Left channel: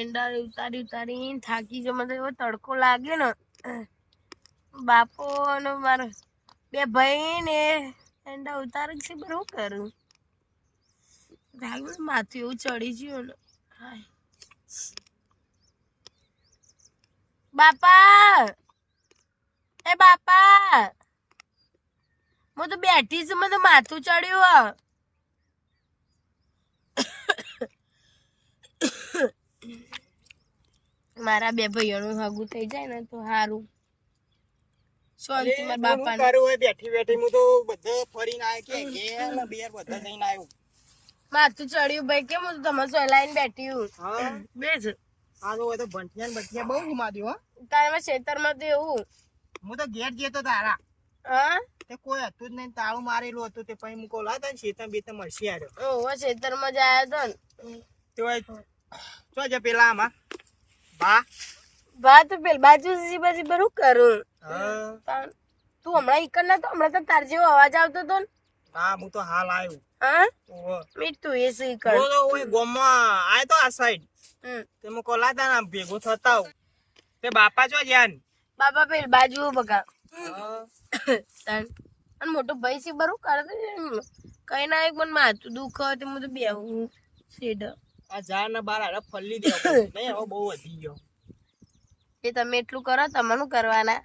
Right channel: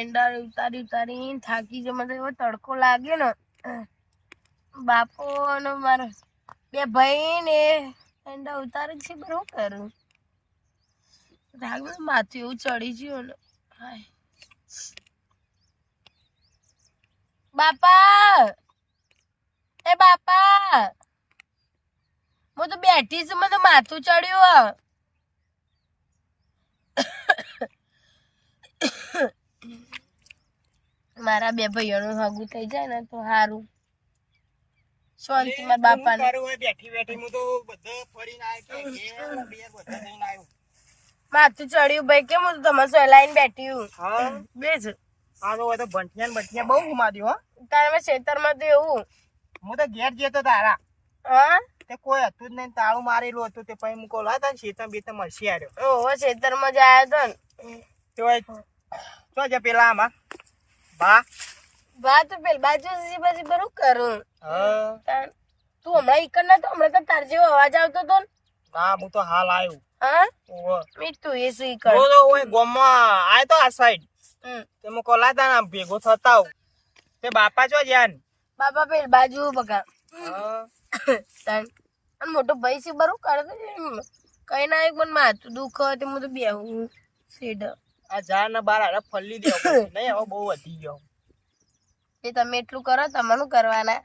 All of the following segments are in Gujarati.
એંડા ઉતારી ઉતારી થાકી જો મને એવો તડકો લાગ્યો ને. બાપો ને મારો બે ભાઈ ને એંડા ઉતારે છે. પણ શું કરું? રાગ માથું એવું ચડી ગયું ને. હાય. બાપા! એ બાપા! હું તો બેઠી છું. મને માથું ચડ્યું. હે. મારા બે ભાઈઓનું હગું થઈ જાય ને તો સારું શાંતિ મારા બાપાને. બેઠી બેઠી હું તો બધે ફરીને આવ્યો કે બેર બધે જઈને આવ્યો માથું ચડ્યું ભાઈ કેમ હું તમે સલાઈને બેઠી હું? હા. બેસ આનો હોય તો ભંઠિયા ને ભંઠિયા બહુ ઘુમાડ્યો હો. તારે મેં ખેતરમાં તો એવું. હું તો ઘેર જતો તારા. હા? તે કોઈ હતું જ નહીં તાળું મારેલું હતું તે પછી મૂકો હતા ને શેતમ બેતમ મળશે આવ્યો ઓહો ખેતરમાં જ આવ્યો હતો ને. તે પેલા આમાં. બા? બા તું પેલી બાજુ સીધી બાજુ બરું કરું. હા. તું હમણાં ઈકર ના તો હમણાં તો તાર જેવો અવાજ આવતો તો હું તો હાલ આવ્યો હા. મેં તું એ શું ઈકર તો ઓય ગોમમાં આયો તો આ સાઈડ. તે ને ભેગો થતા તે બાપા છો જ્યાં બાપા પેલ બાજુ બગા હા. તાન અને મોટો ભાઈ છે બરું કરે કઈ ના એક મને માથું દુખે હોય તો હું તો બેહું. સેડ આ ઝાડ ને બાર હારે ફલ્લી દેવો નહીં હવે બહુ વધી ગયો. એ તમે એટલું કરો તમારું કરવાના.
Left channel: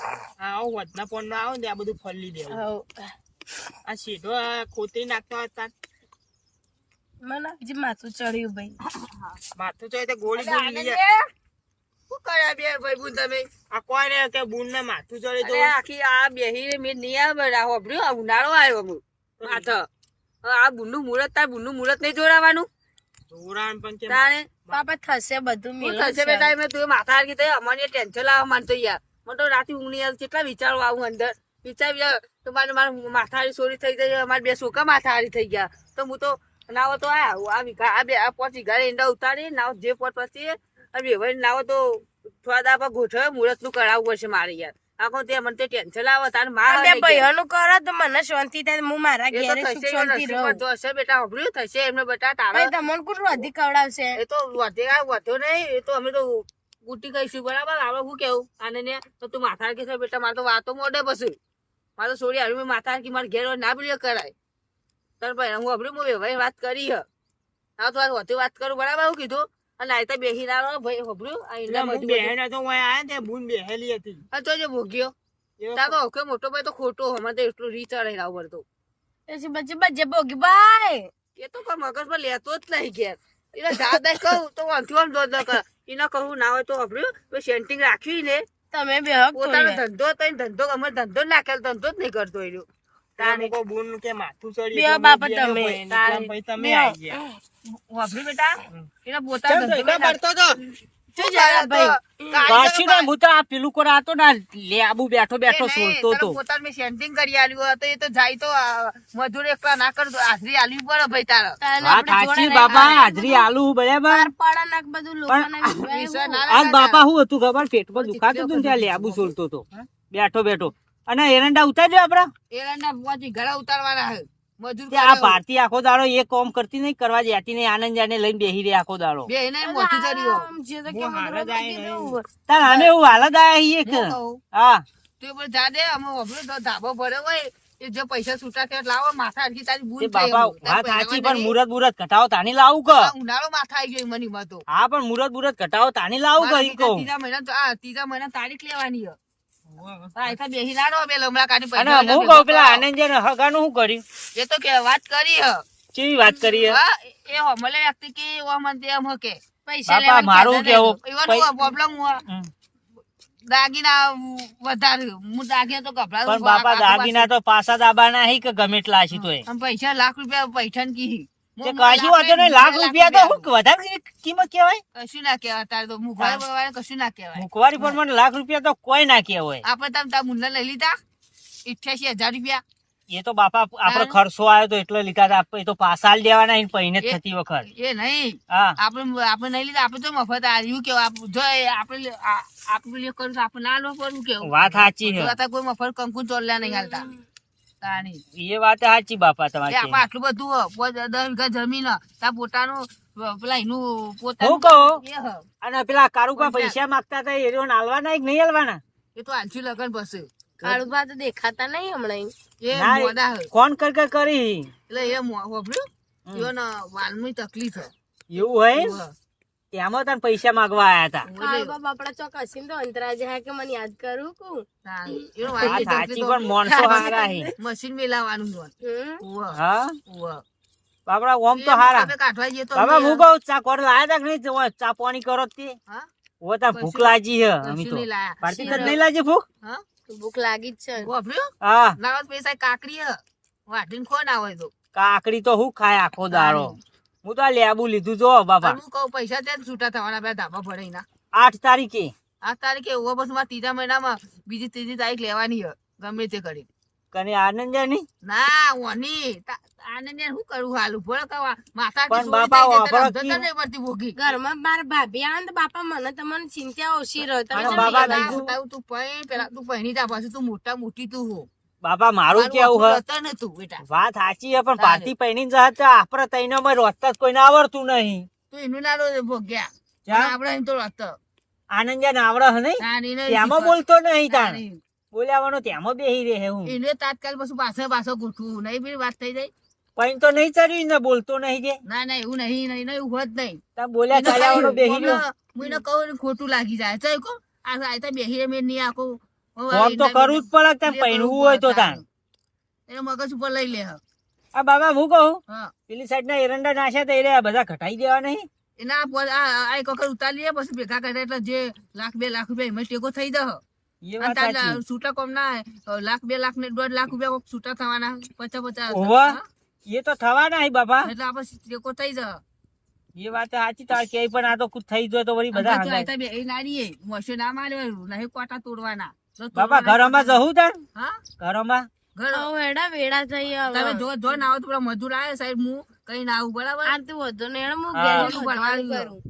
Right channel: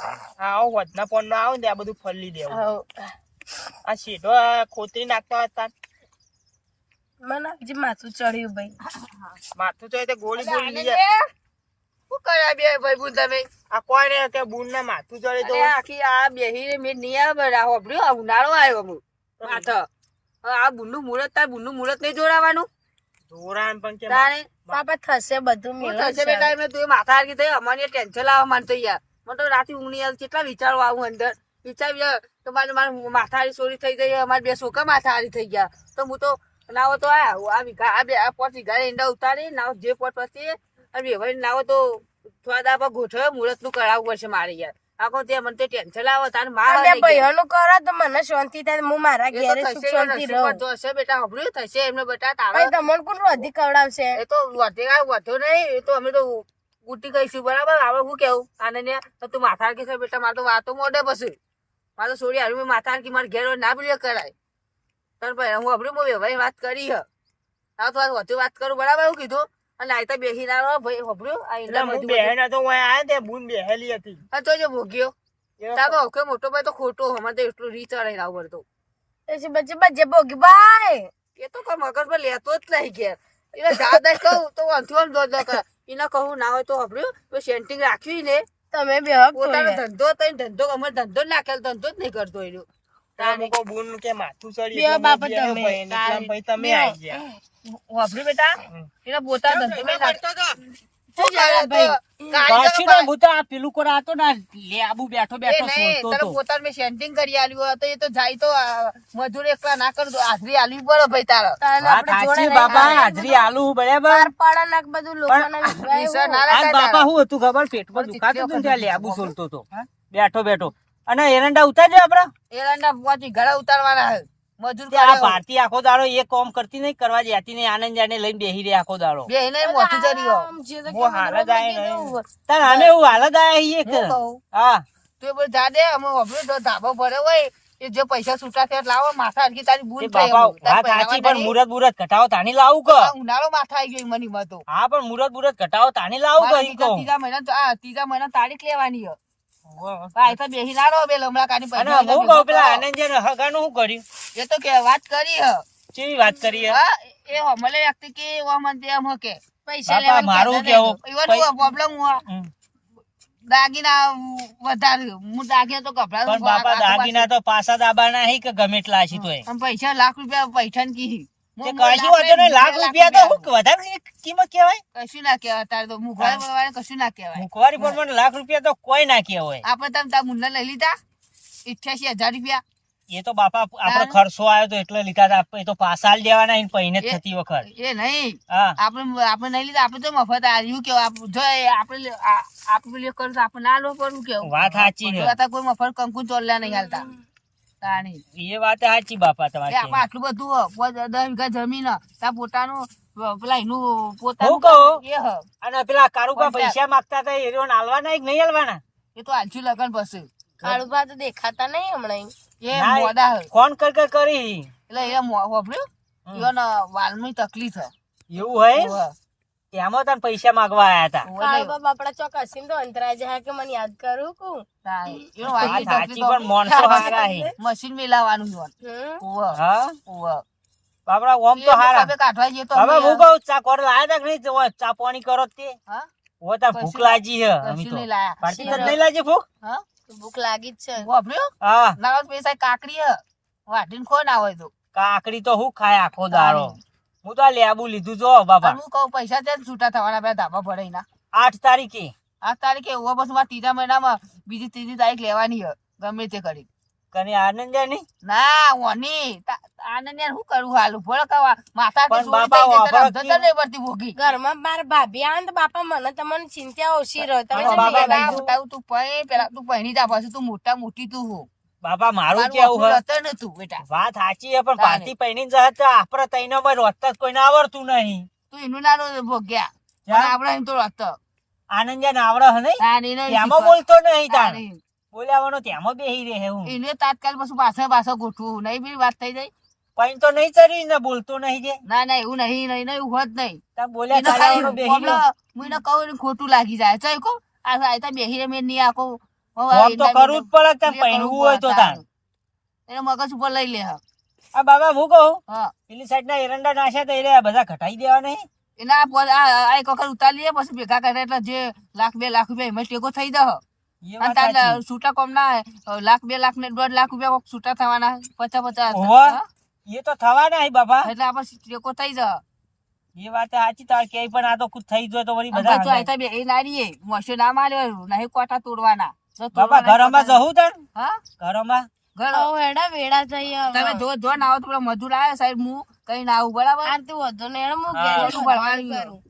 હા આવું વધના પોન આવું ને આ બધું ફલ્લી દેવું. હા આ સીધો ખોતરી નાખતા હતા મને જે માથું ચડ્યું ભાઈ. માથું ચડ્યું તો ગોળી ગોળી લઈ જાય. શું કર્યા બે ભાઈ બુન તમે? આ કોઈ ને કે બુન ને માથું ચડ્યું તો? આખી આ બેહી મેં નહીં આવે આ હોભળ્યું આ ઉનાળો આવ્યો હું. માથ આ બુનનું મુહૂર્ત તાર બુનનું મુહૂર્ત નહીં જોડાવાનું? જોરાણ પણ કે તારે પાપા થશે બધું શું થશે બેટા મેં તું માથા હરકી થઈ અમારી ટેન્શન લાવવા માંડતો યાર. મને તો રાતે ઊંઘ નહીં આવતી કેટલા વિચારો આવું અંદર. વિચાર તો મારે મારે માથા હારી સોરી થઈ ગઈ અમારે બે છોકરા માથા હારી થઈ ગયા. તો હું તો નાવો તો આ આ વિઘા આ બે આ પાંચ વીઘા ઈંડા ઉતારી નાવ જે પોત પછી અને વ્યવહાર નાવો તો થોડા દાપા ગોઠવે મુહૂર્તનું કરાવવું પડશે મારે યાર. આખો તે મને તો ટેન્શન લાવો તારે માર બે ભાઈઓનું કરો તો મને શાંતિ થાય હું મારા ઘેરે સુખ શાંતિ રહું. તો બેટા હોભળ્યું થશે એમને બેટા તારે તમને કોણ વધી ખવડાવશે? એ તો વધે કાંઈ વધ્યો નહીં એ તો અમે તો ગુટી કહીશું બરાબર? આપણે હું કેવું? આને ને તું માથા કે બેટા મારે તો વાતો મોડે પછી. મારે તો સોરી હારું માથા કે મારે ઘેર ના બોલ્યો કરાય. તને ભાઈ હું હું વ્યવહાર વાત કરી હ. તો વધુ વાત કરું બરાબર? એવું કીધું? અને આ તો બેસી ના ભાઈ હોભળ્યું? આ ઈંડા હું બધું બહેન હતો હું આયા તે બુન બેહેલી હતી. આ તો જે ભોગ્યો. તારો ઓકે મોટો ભાઈ તો ખોટો હમણાં તો એટલું રીચ રહી તો એ છે બજે બજે ભોગી ભાઈ! એ તો કોઈ મગજમાં લેતો જ નહીં ઘેર. એને દાદા કહું તો વાંધો આમ દોડ દોડ કરે. એને કહું ના હોય તો હોભળ્યું? તો સેન્ટિંગ રાખ્યું ને. તમે બે હક પોતાનો ધંધો તો ધંધો અમે ધંધો નાખેલો નાખેલ ધંધો જ નહીં કરતો એ રહ્યો. બુન કે માથું ચડી બે મેં બાપા તમે. ભાઈ, તમે બે. ગયા વાપર્યું બેટા એના પોતાનો ધંધો નહીં નાખતો. જાય તો હું તો આ પેલું કોરા હતો ને લેબુ બેઠો બેઠો સોલતો તારે તો મેં સેન્ટિંગ કરી આલ્યું તો એ તો જાય તો મજૂર એકલા ના કર હાજરી આલવી પડે ભાઈ તારે તારે વાત આપણે સાચી જોડે બાપા. ના હું હતું ખબર પેટમાં દુખાતું હતું ત્યાં ચીટલી લેબુ સોલતો હતો બેઠો બેઠો અને એરંડા ઉતારજો આપડે એરંડા પહોંચી ઘરે ઉતારવાના હે. મજૂર આ કરે ભારતી આખો દાડો એ કોમ કરતી નહીં કરવા જતી નહીં આનંદ જાને લઈને બેહી રહી આખો દાડો. બે એને મોટું જરી હો આયા. તાર આને હું હાલત આયા હી એક હા. તું એ બધું જા દે અમે ઓબરો તો ધાબો ભરે હોય. એ જે પૈસા છૂટા થયા લાવો માથા હરકી તારી ભૂલ થઈ બાપા. વાત સાચી પણ મુરત મુરત ઘટાવો તાની લાવું કે? ઉનાળો માથા આવી ગયો મની માં તો. હા પણ મુરત મુરત ઘટાવો તાની લાવું કે ત્રીજા મહિના આ ત્રીજા મહિના તારીખ લેવાની હે આ તો બેહી ના બે લમડા કાઢી પૈસા હું કહું પેલા આનંદ જાને હગાનું શું કર્યું? એ તો કે વાત કરી હે. કેવી વાત કરી હા? એ હમલે વ્યક્તિ કે ઓ મન તે એમ હકે પૈસા મારું પ્રોબ્લેમ હું દાગીના વધારે હું દાગીના તો કપડા બાપા દાગીના તો પાછા દાબાના હી કે ગમે એટલા પૈસા લાખ રૂપિયા પૈસા કી લાખ રૂપિયા તો વધારે કિંમત કહેવાય? કશું ના કહેવાય તારે તો મુખવારી બગવારી કશું ના કહેવાય. મુખવારી પર લાખ રૂપિયા તો કોઈ ના કહેવાય. આપણે તમે તાર મુન્ના લઈ લીધા? ઇઠ્યાસી હજાર રૂપિયા. એ તો બાપા આપડે ખર્ચો આવ્યો તો એટલે લીધા હતા. એ તો પાસા દેવાના પહીને થતી વખત. એ નહીં. આપણે આપણે નહીં લીધા આપણે તો મફત આવ્યું કેવું આપ- જો એ આપણે આપણે કરું તો આપણે ના લો પડવું કેવું વાત સાચી કોઈ મફત કંકુ ચોલ્યા નહીં હાલતા. તાણી એ વાત સાચી બાપા તમારી આપણે આટલું બધું હો, દસ વીઘા જમીન પોતાનું પેલા એનું હું કહું? અને પેલા કારુકા પૈસા માંગતા હતા એ કે નહીં આલવાના એ તો આલસી લગન પછી. કાળુભા તો દેખાતા નહીં હમણાં એ મોડા હ. કર કર કરી. એટલે એ મો- વાપર્યું હમ. તકલીફ એવું હોય? તેમાં તને પૈસા માંગવા આયા હતા બાપડા ચોક તો અંતરા જાય કે મને યાદ કરું કું પણ માણસો હારા હે. મશીન મેલાવાનું હમ. હા? ઓવે. બાપડા ઓમ તો હારા. હવે કાઢવા જઈએ તો હવે હું કહું ચા કોર લાયા તા નહીં? જો ચા પાણી કરો તે. હા? ઓ તા ભૂખ લાગી હે અમી તો. પાર્ટી. તને નહીં લાગી ભૂખ? હા? ભૂખ લાગી જ છે. વાપર્યું? હા. ના પૈસા કાકડી હે વાટીને ખો ના હોય તો. કાકડી તો હું ખાય આખો દાડો. હું તો આ લેબુ લીધું જો બાપા હું કહું પૈસા ત્યાં છૂટા થવાના બે ધાબા ભરાઈના આઠ તારીખે. આઠ તારીખે એવો બસમાં ત્રીજા મહિનામાં બીજી ત્રીજી તારીખ લેવાની ગમે તે કરી. કને આનંદની? ના ઓની આનંદ શું કરું હાલ ભોળ કવા માથા કે વાપરો જાય તને ધંધા નહીં પડતી ભોગી ઘરમાં મારા ભાભી ને તો બાપા મને તમને ચિંતા ઓછી રહે. તમે બાબા તું પૈ પેલા તું પૈની જા પાછું તું મોટા મોટી તું હો. બાપા મારું કેવું આપણું હે? રતન હતું બેટા. વાત સાચી છે પણ તારે. પાર્ટી પૈણી જ હતા આપડે તૈનો માં રોજતા કોઈને આવડતું નહીં. તું એનું નાનું ભોગ્યા. પણ આપણે એમ તો રત આનંદ જાય આવડે હે નહીં? તેમાં બોલતો નહીં તાણ. બોલાવાનો તેમાં બેહી રહે હું. એને તાત્કાલ પછી પાછળ પાછળ ગોઠવું. નહીં બી વાત થઈ જાય? પૈન તો નહીં ચડ્યું ને બોલતો નહીં જે. ના ના એવું નહીં નહીં નહીં એવું જ નહીં. તાર બોલ્યા ચાલવાનો બેહી હું એને કહું ખોટું લાગી જાય. ચાલ કો આ બેહી રે મેં નહીં આખો ફોન તો કરવું જ પડે કે પૈણવું હોય તો તાણ. એને મગજ ઉપર લઈ લે આ બાબા હું કહું? પેલી સાઈડ ના એરંડા નાખ્યા તો એ બધા ઘટાઈ દેવા નહીં એના આ પોત- આ આ એક વખત ઉતારી લઈએ પછી ભેગા કરે એટલે જે લાખ બે લાખ રૂપિયા એમાં ટેકો થઈ જશે એ અને વાત તારે સાચી. છૂટા કોમ ના લાખ બે લાખ ને દોઢ લાખ રૂપિયા કોક છૂટા થવાના પચાસ પચાસ. એ તો થવાના બાપા એટલે આપણે ટેકો થઈ જાય એ વાત સાચી તાર કે પણ આ તો થઈ જાય તો વળી બધા મોસો ના માર્યો નહીં કોટા તોડવાના. બાપા તોડવાના ઘરમાં જવું તાર? હા? ઘરમાં? ઘર હેડા વેડા જઈએ તમે જો જો ના આવો તો પેલા મજૂર આવે સાહેબ હું કઈ ના આવું બરાબર? આ તો વધુ ને હેડા હું. હા. ભણવાનું રોધવાનું કરું.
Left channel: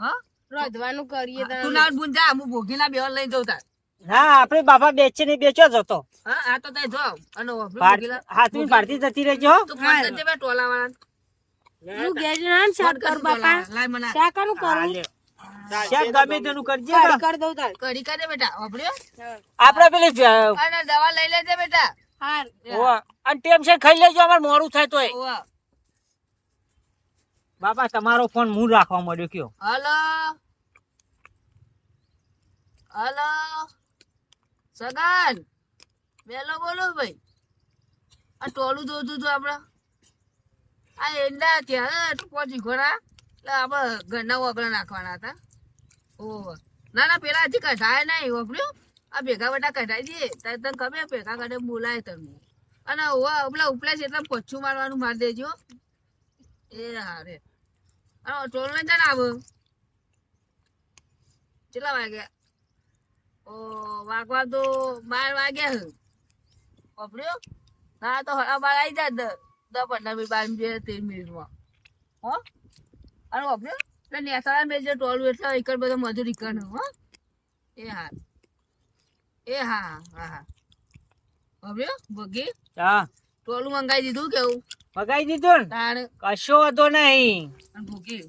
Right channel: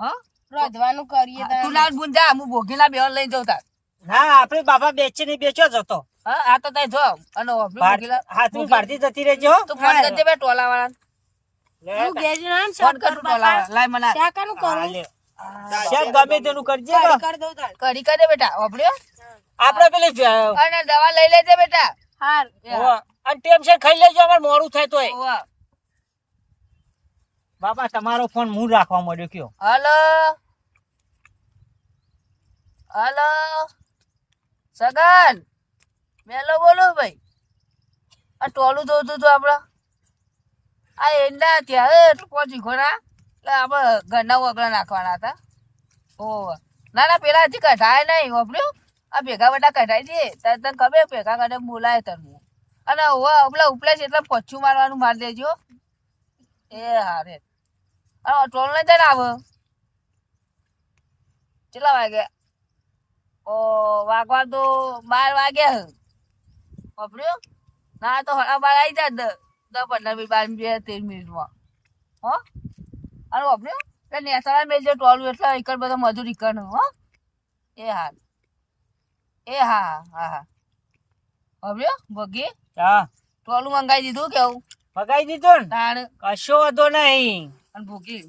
હા? રોધવાનું કરીએ તું ના હું ભોગીના જઉં તાર. ના આપડે બાપા બેચી નહીં બેચો જતો હા આ તો તાર જો અને ભોગીલા હાથની પાડતી જતી રહેજો હો. તું ફોન કરજે બે ટોલા વાળા હું ઘેર જઈને ફોન કરું ટોલા લાય મને. શાકાનું કરું? શાક ગમે તેનું કરજે કરી. કરી. બેટા ઓભળ્યો આપડે પેલી અને દવા લઈ લેજે બેટા. હાર અને ટેમ છે ખાઈ લેજો અમાર મોરું થાય તોય. બાપા તમારો ફોન હું રાખવા મળ્યો કયો? હલો? હલો? સગન? મેલો બોલો ભાઈ. આ ટોલું જોતું હતું આપડા. આ એંડા ત્યાં પહોંચી ખોરા. આપણે ઘરના વગડા નાખવાના હતા. ઓ, ના ના, પેલા હજી કઢાય નહીં વાપર્યું આ ભેગા બધા કઢાઈ દે તારે તને ખબર, ભેગા કઢે બોલાય તને. અને ઓવા પેલા ઉપલે છે એટલે પચ્છું મારવાનું મારી દેજો. એ હારે. અને ટોલ નહીં જઈને આવો? કેટલા વાગ્યા ઓ, વાગવા તો બાર વાગ્યા વાપર્યું ના, તો હળા બાર આવી જાય દસ પંદર મિનિટ બાર બે તેર મિનિટમાં. હો? અને વાપર્યું? એટલે નેસાડા મેલ જે ટોલું એટલે એકર બધો મજૂર એકર હો. એ હા. એ હા હા હા. વાપર્યો? ભગી? હા. ટોલું મંગાવી દીધું કેવું? મગાઈ દીધું ને? તાણ. કશો વધો નહીં. અને ભૂકી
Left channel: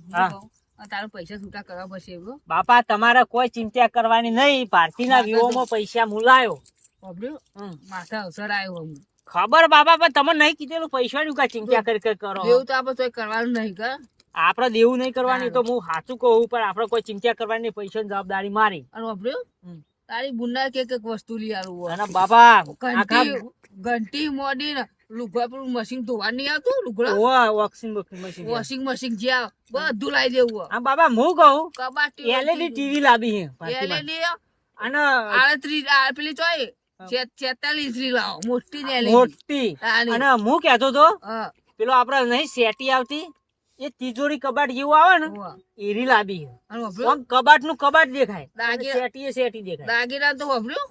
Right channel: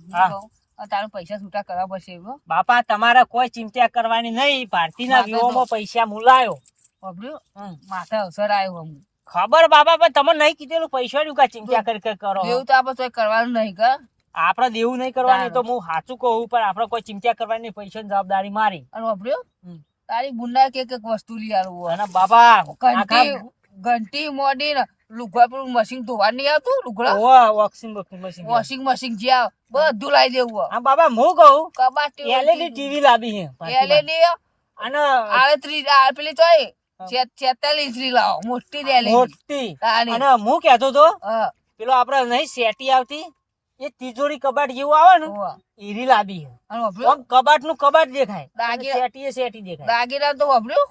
તારું પૈસા છૂટા કરવા પડશે એવું. બાપા તમારે કોઈ ચિંતા કરવાની નહીં. ભારતીના તો- પૈસા મુલાયો. વાપર્યું. માથા અવસર આવ્યો અમને ખબર બાપા પણ તમે નહીં કીધેલું પૈસા નું ચિંતા કરી કરી કરો. એવું તો આપણે કરવાનું નહીં કા? આપડે દેવું નહીં કરવાની તો હું સાચું કહું પણ આપડે કોઈ ચિંતા કરવાની પૈસા જવાબદારી મારી. અને વાપર્યું? તારી બુંડા કે એક વસ્તુ લઈ આવું અને બાબા ઘંટી ઘંટી મોડી ને લુગડા પેલું મશીન ધોવા નહીં આવતું લુગડા? વોશિંગ મશીન વોશિંગ મશીન જે બધું લાવી દેવું બાબા હું કહું કબાટ એલઈડી ટીવી લાવી છે ભારતીમાં. એલઈડી અને આડત્રીસ પેલી ચોય? છેતાલીસની લાવો મોટી મોટી. અને હું કેતો તો પેલો આપડે નહીં સેટી આવતી? એ તિજોરી કબાટ જેવું આવે ને એરી આમ કબાટનું કબાટ દેખાય સેટી સેટી દેખાય. દાગીના તો વાપર્યું?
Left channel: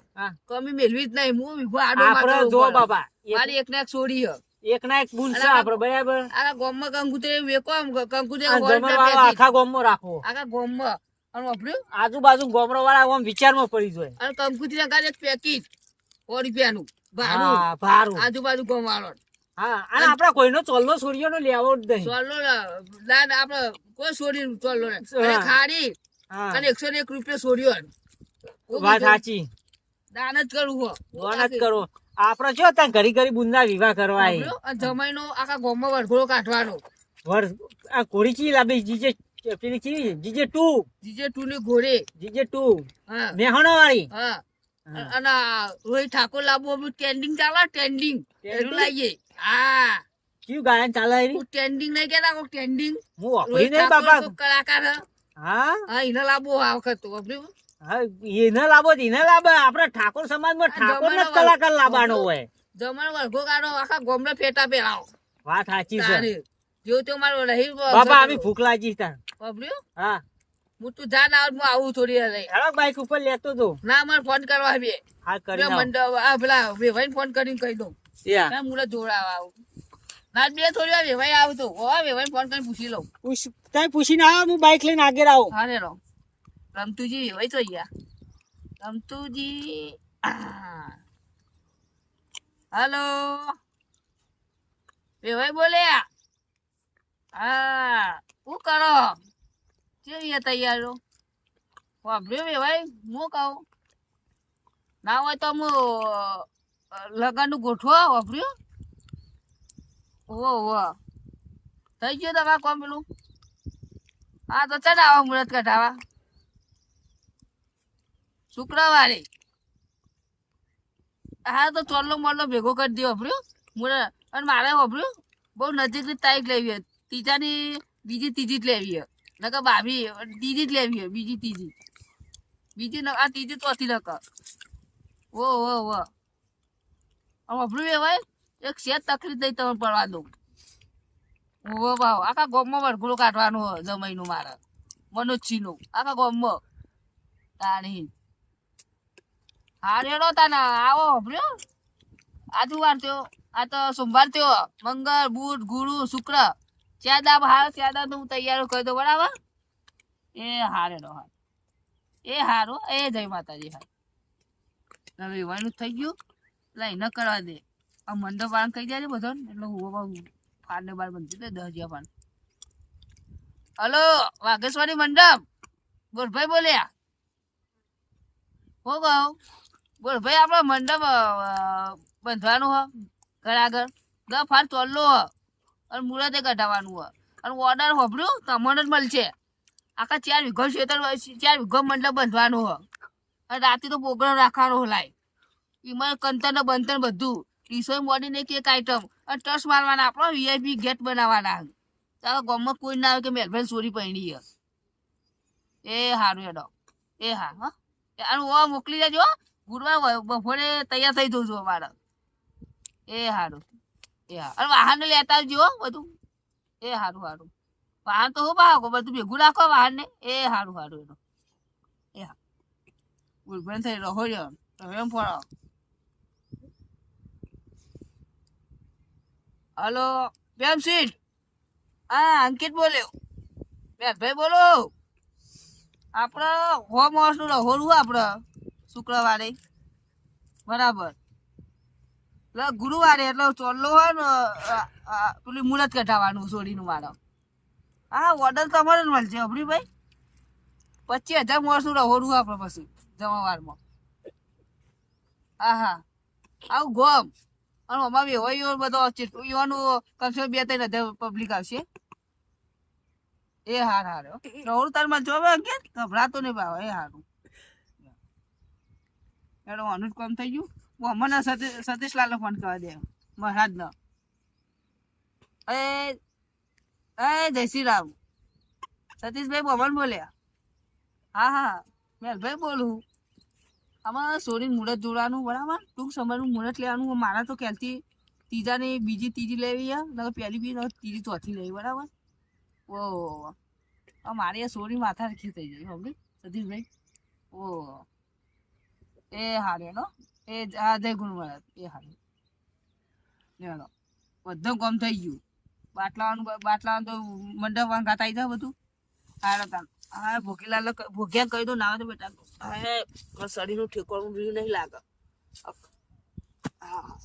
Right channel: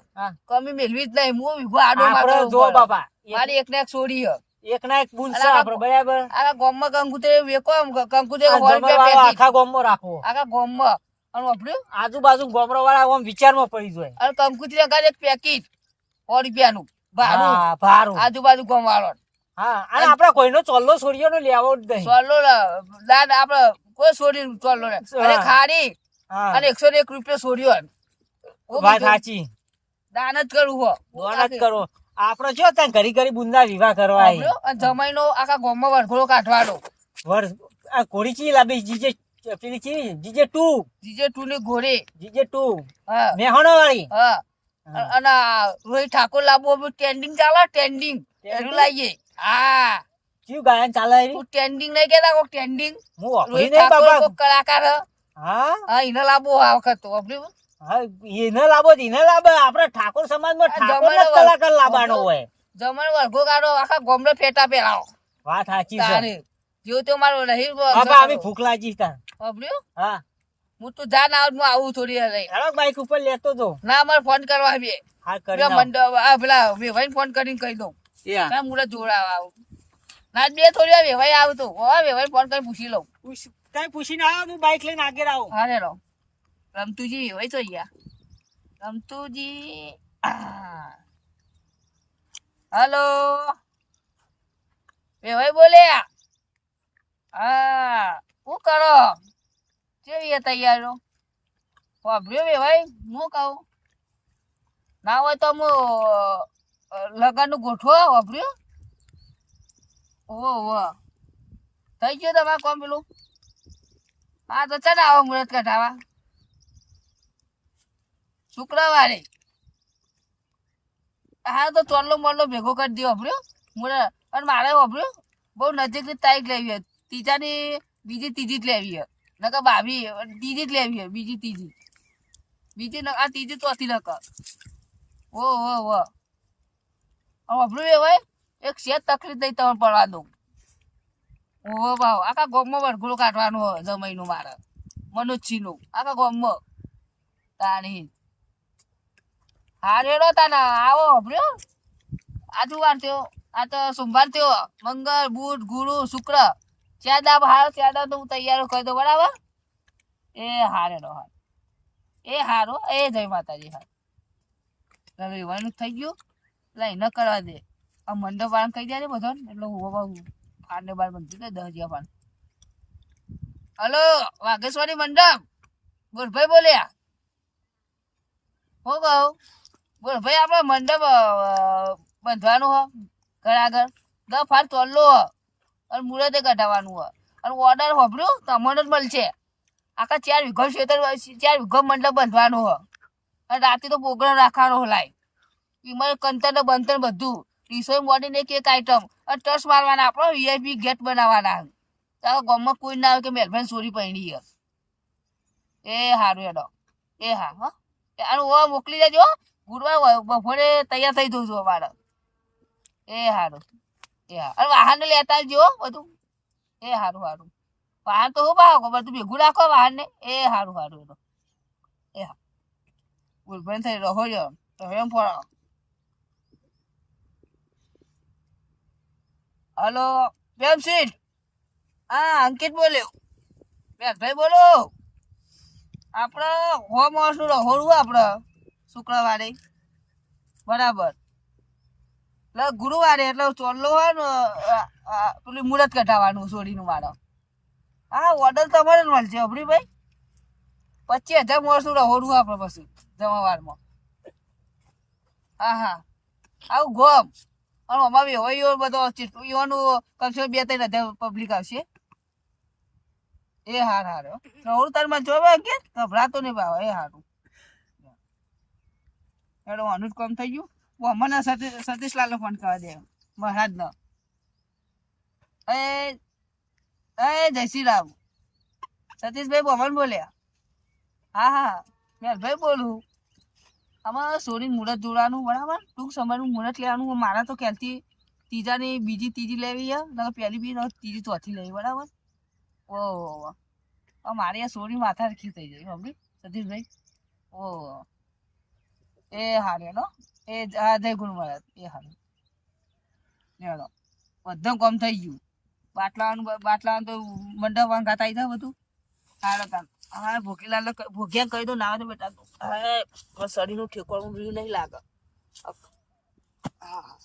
કમી મેળવી જ નહીં. હું વિભો આડો મારો જો બાપા મારી એક ને એક છોડી હ એક ના એક બુન છે આ- આપડે બરાબર? આખા ગામમાં કંકુતરી વેકો આમ કંકુતરી આ આખા ગોમમાં આખા ગામમાં. અને વાપર્યું? આજુબાજુ ગોમરો વાળા આમ વિચારમાં પડી જાય. અને કંકુતરે કાઢે એક પેકેટ સો રૂપિયાનું. ભાડું. ભારું આજુબાજુ ગોમ વાળો હા અને આપડા કોઈનો ચોલ્લો છોડીઓનો લેવો જ નહીં. ચોલ્લો દાદ આપડે કોઈ છોડી ચોલ્લો ને અને ખાડી અને એકસો ને એક રૂપિયા છોડ્યો વાત સાચી. દાન જ કરવું હો. દાન જ કરો. આપડે જો ત્યાં ઘરી ઘરી બુંદા વિવાહ કરવા. સાંભળ્યો? અને જમાઈનો આખા ગામમાં વરઘોડો કાઢવાનો. વર આ ઘોડી ચી લાવી જીજે પેલી ચી જીજે ટુ. જીજે ટુ ની ઘોડે. GJ two. હા. મેહોણા વાળી હા. અને રોહિત ઠાકોર લાવવું ટ્રેન્ડિંગ ચાલે ટ્રેન્ડિંગ એનું લાવીએ હા. કયું ગાયન ચાલે એની? તું ટ્રેન્ડિંગ નઈ કેતા કોક ટ્રેન્ડિંગ હું વાપરી નઈ બાબા કોક કલાકાર હા. હા? ઇને લાબો આ વખત તો વાપર્યું? હા ઇને લાબો તો એને લાવે આપડે ઠાકોર સમાજમાં ઠાકોર જ કલાકાર લાવવાનો હોય. જમણ વર્ગો કાઢો આખા ગોમડે ફેટા પહેરાવો વાત સાચી છે. જો તો મારો રહી બાબા આવી ભૂખ લાગી તા વાપર્યું? હા. હું તું જા ના હું આવું થોડી રહી બાઈક ઉપર લેતો તો ના મને ફોન કરવા આવી હા કરી મંડળ આ પેલા વેવાઈને ફોન કરીને કહી દઉં. ના જોડાવા આવું. ના બે થોડી વાર વેવાઈ આવતો હો વેવાઈને ફોન કરીને પૂછી લઉં. પૂછ- તાઈ પૂછીને આવો હું બાઈક લઈને આગળ આવું. હા રે રો રમતુજી વેવાઈ તો ગયા રમતુજી હલો. વેવાઈ બોલ્યા હા. શું કરો? કેવી તૈયારો વાપર્યો વેવાઈ? હું કહું? ના હોય તો હું લગનનું ગોઠવો વાપર્યો? ઓ ઓ થઈ ગયું તમારે કોમ પેલું? હા, તો ચાલ આવો મુહૂર્ત કઢાવા. શુક્રવારે. હા, તો ચોલ્લો મોલ્લો ભેગો કરી દો વાપર્યો? મુહૂર્ત અને મારે, વાપર્યો? બહુ નજીકની તારીખ લેવી હોય. ત્રીજાની બીજી ત્રીજી જ લેવી હોય. નકર ભાભી ત્રીજી જ લેવી હોય, બીજી ત્રીજી. બીજી આ ત્રીજી ચોથી નકર. ઓ ઓ ઓ વાપર્યું એ ભાઈ એક શેત તકલીફ નહીં તમે પડવા દઉં. ઓહો ભાવ આખા ગોમમાં વરઘોડો કાઢવાનું હોય જમાઈનું મારે. મનોજસિંહનું આખા ગોમમાં. તાણી. હા રેડો તાના, આવો હભર્યો આજુવાર થયો, આ તો સોમવાર થયો. મંગળ, બુધ, ગુરુ, શુક્ર. ચાર દાબ હારો ચાર દાબ તો હું તૈયાર કરી દઉં, બરાબર? એ હા રેડો હા એ હારો, એ જય માતાજી હા હવે થઈ ગયું. એટલે ન કરવા દે. આ મંડપ વાળા કહી જાય બધો એટલે હું ફાંડે બાર બનતી દે દસ હજાર ફાંડ હલો, વાઘેશ્વરી મંડપ. બોલભાઈ બોલ્યા. હું કહું બોલભાઈ આપણે મંડપ બંધવાનું હ, ઘર આગળ. દસ ફાટ ચોલ્લો હ, અને મુરતે કઢાવવાનું હ. અને ઓર્ડર હોભર્યું તમને જ મળશે. આખા ચાર વીઘો ખેતર ચાર વીઘો મંડપ બંધવાનું હ. અને રાતે તો પ્રોગ્રામ રાખવાનો લાય. એમાં કંતર બંતર બધું. ટીસો મોડીને એક એક આઈટમ અને ટચ મારવાના, આપણો વીઆઈપી ગેટ બનાવવાના. ચાલો, ગામમાં કોઈ ના આવે કે મેલભાઈ ચોરી છે. એ સારું એડો એ હા હા. આનું ઓ મોકલી દેજો. ગુરુવાર બપોરે તૈયાર થઈ જવું છું અમારે. એ સારું એ હા. અને વાહન લેતા આવજો બધું. એ સારું સારું વાહન તો હું ભાવ બધું ભેગું રાખો વાહન ને એ સારું સારું એનો એ હા. ગુરભાઈ થઈ રહો રહ્યો રહો એમ ફરો હલો સીટ હા, અંકિત બોલ્યો ભાઈ બોલો. આપણે હો માણસનું રહોડું આપણે શુક્રવારે. બરાબર. એટલે ગુરુવારે એટલે ચોલ્લો હોય ને પેલી મુહૂર્ત કઢાવવાનું સોડીનું મારો હા ઓર્ડર તમારે જ મળશે અભરીભાઈ પચીસ હજાર માણસનું રહોડું આપણે પછી, જમવારમાં. હા હા. આવું ગોમ. અને અમારે હોય બધો યુવાનું કમસે બે ત્રણ હજાર પબ્લિક આવશે. એ હાર હાર હો. રહોડું તારમાં જોવે કે ગભરાતો નહીં બાવા એ હારું. એડો આનું જ કામ થઈ ગયું. હું મને સતીશ સતીશલાલને ફોન કરવા દે. મહારાજનો. એ એ જય શ્રી રામ સતીશભાઈ બોમન બોલ્યા. હા હા. મેલભાઈ બોલું. આમાં સોરી મુહૂર્ત જોડવાનું, બરાબર? ટૂંક સમયનું મુહૂર્ત લેવાનું મારા તો ખ્યાલથી ત્રીજાની બીજી ત્રીજી લેવી નકર પહેલી બી ત્રીજી ચોથી લેવી, બરાબર? ઓ મારે આ સોરી માથા રખી થઈ જાય સમજી સતીશભાઈ. ઓ એ હારે નો એ જય ગુણવરત એ હારે. લેડો બધું કોમ થઈ ગયું. બાટલાનું બાટલાવાનું તો મંડપ ગાતા આવી જાય બધું. હારો તાન હા ભોગીલાલ ભોગ્યા કહી દો ના તો બેટા. હા શરીરનું ઠેકવાનું રહ્યું નહીં લાગે. હા.